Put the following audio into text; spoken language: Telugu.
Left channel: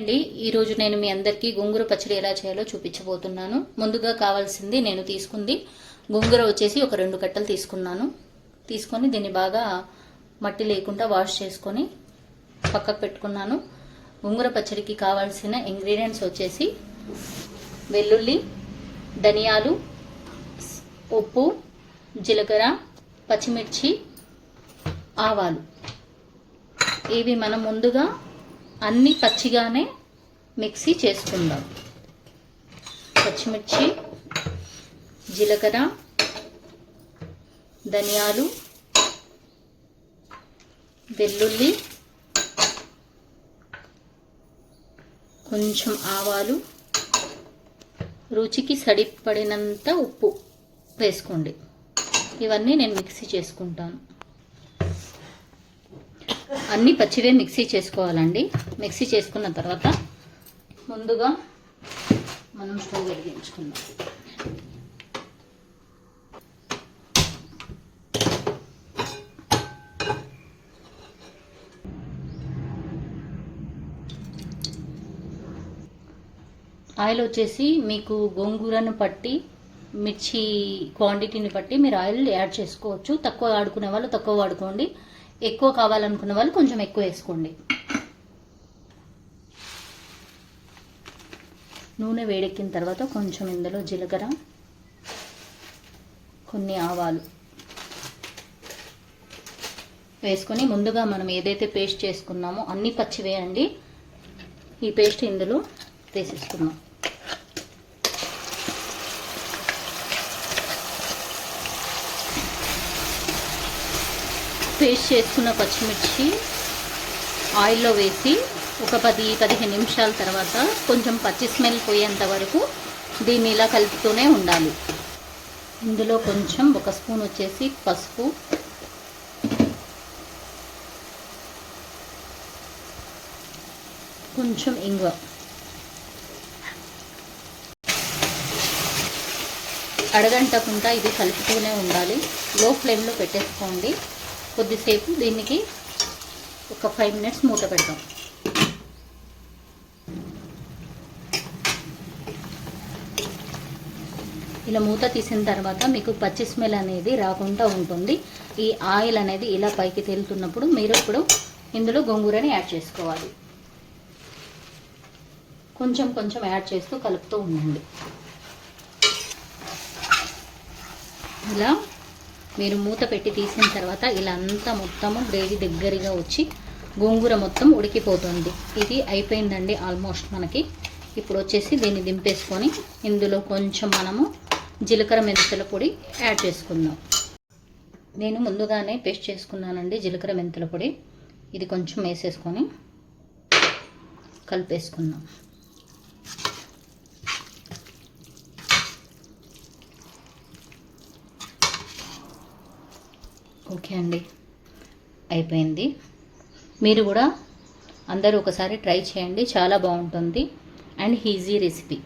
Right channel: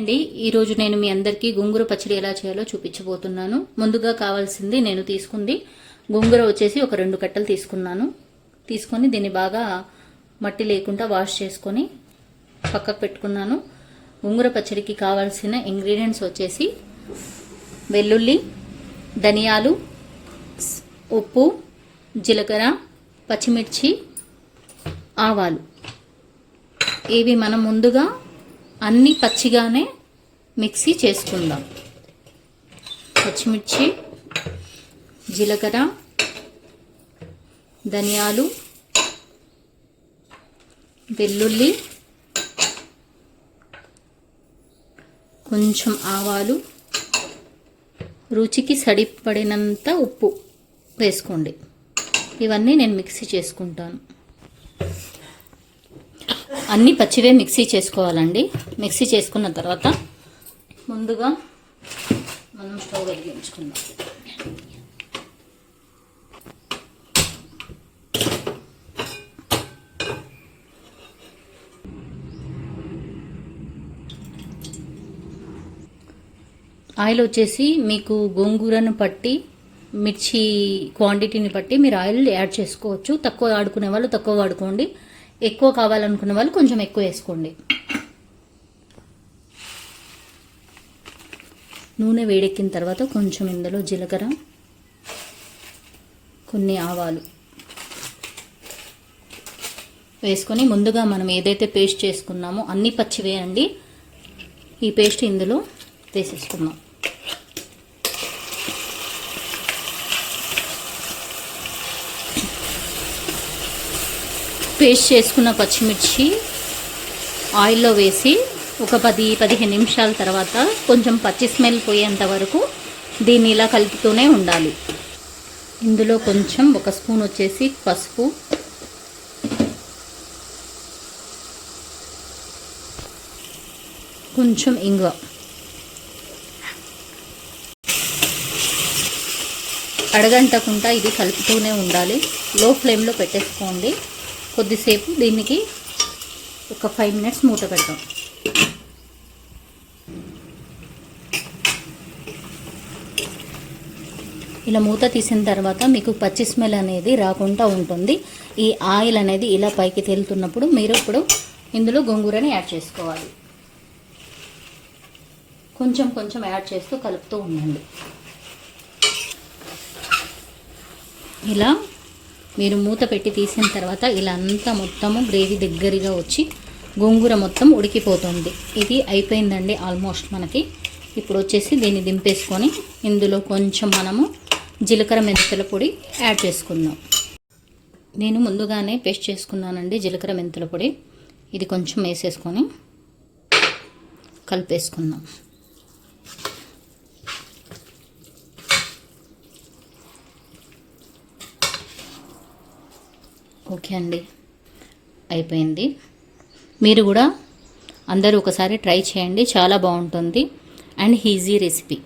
అండి ఈరోజు నేను మీ అందరికీ గోంగూర పచ్చడి ఎలా చేయాలో చూపించబోతున్నాను. ముందుగా కావాల్సింది నేను తీసుకుంది గోంగూర వచ్చేసి ఒక 2 కట్టలు తీసుకొని దీన్ని బాగా మట్టి లేకుండా వాష్ చేసుకొని పక్కకు పెట్టుకున్నాను. గోంగూర పచ్చడికి కావాల్సిన ఇంగ్రీడియంట్స్ వచ్చేసి వెల్లుల్లి, ధనియాలు, ఉప్పు, జీలకర్ర, పచ్చిమిర్చి, ఆవాలు. ఇవి మనం ముందుగా అన్ని పచ్చిగానే మిక్సీ చేసుకుందాం. పచ్చిమిర్చి, జీలకర్ర, ధనియాలు, వెల్లుల్లి, కొంచెం ఆవాలు, రుచికి సరిపడినంత ఉప్పు వేసుకోండి. ఇవన్నీ నేను మిక్సీ చేసుకుంటాను. అన్ని పచ్చివే మిక్సీ చేసుకోవాలండి. మిక్సీ చేసుకున్న తర్వాత ముందుగా మనం స్టవ్ వెలిగించుకుందాం. ఆయిల్ వచ్చేసి మీకు గోంగూరను పట్టి మిర్చి క్వాంటిటీని బట్టి మీరు ఆయిల్ యాడ్ చేసుకోవచ్చు. తక్కువ వాడుకునే వాళ్ళు తక్కువ వాడుకోండి, ఎక్కువ కావాలనుకునే వాళ్ళు కొంచెం ఎక్కువ వేసుకోండి. నూనె వేడెక్కిన తర్వాత కొంచెం ఇందులో జీలకర్ర, కొన్ని ఆవాలు వేసుకొని ముందుగా మనం ఏదైతే పేస్ట్ చేసుకున్నామో అన్ని పచ్చివేయండి. ఈ పేస్ట్ ఇందులో వేసేసుకున్నాం. పేస్ట్ చేసుకున్న పచ్చిమిర్చి ఆయిల్లో వేసి ఒక 10-15 నిమిషాల తర్వాత కొంచెం పచ్చి స్మెల్ పోయేంత వరకు దీన్ని ఇలా కలుపుతూనే ఉండాలి. ఇందులో కొంచెం 1 స్పూన్ వచ్చేసి పసుపు, కొంచెం ఇంగువ, అడగంటకుండా ఇది కలుపుతూనే ఉండాలి. లో ఫ్లేమ్లో పెట్టేసుకోండి. కొద్దిసేపు దీనికి ఒక 5 మినిట్స్ మూత పెడతాం. ఇలా మూత తీసిన తర్వాత మీకు పచ్చి స్మెల్ అనేది రాకుండా ఉంటుంది. ఈ ఆయిల్ అనేది ఇలా పైకి తేలుతున్నప్పుడు మీరు ఇప్పుడు ఇందులో గోంగూరని యాడ్ చేసుకోవాలి. కొంచెం కొంచెం యాడ్ చేస్తూ కలుపుతూ ఉండండి. ఇలా మీరు మూత పెట్టి తీసిన తర్వాత ఇలా అంతా మొత్తము గ్రేవీ దగ్గరగా వచ్చి గోంగూర మొత్తం ఉడికిపోతుంది. ఇది అయిపోయిందండి ఆల్మోస్ట్ మనకి. ఇప్పుడు వచ్చేసి దీన్ని దింపేసుకొని ఇందులో కొంచెం మనము జీలకర్ర మెంతుల పొడి యాడ్ చేసుకుందాం. నేను ముందుగానే పేస్ట్ చేసుకున్నానండి జీలకర్ర మెంతుల పొడి. ఇది కొంచెం వేసేసుకొని కలిపేసుకుందాం. ఓకే అండి, అయిపోయింది. మీరు కూడా అందరూ ఒకసారి ట్రై చేయండి, చాలా బాగుంటుంది అండ్ ఈజీ రెసిపీ.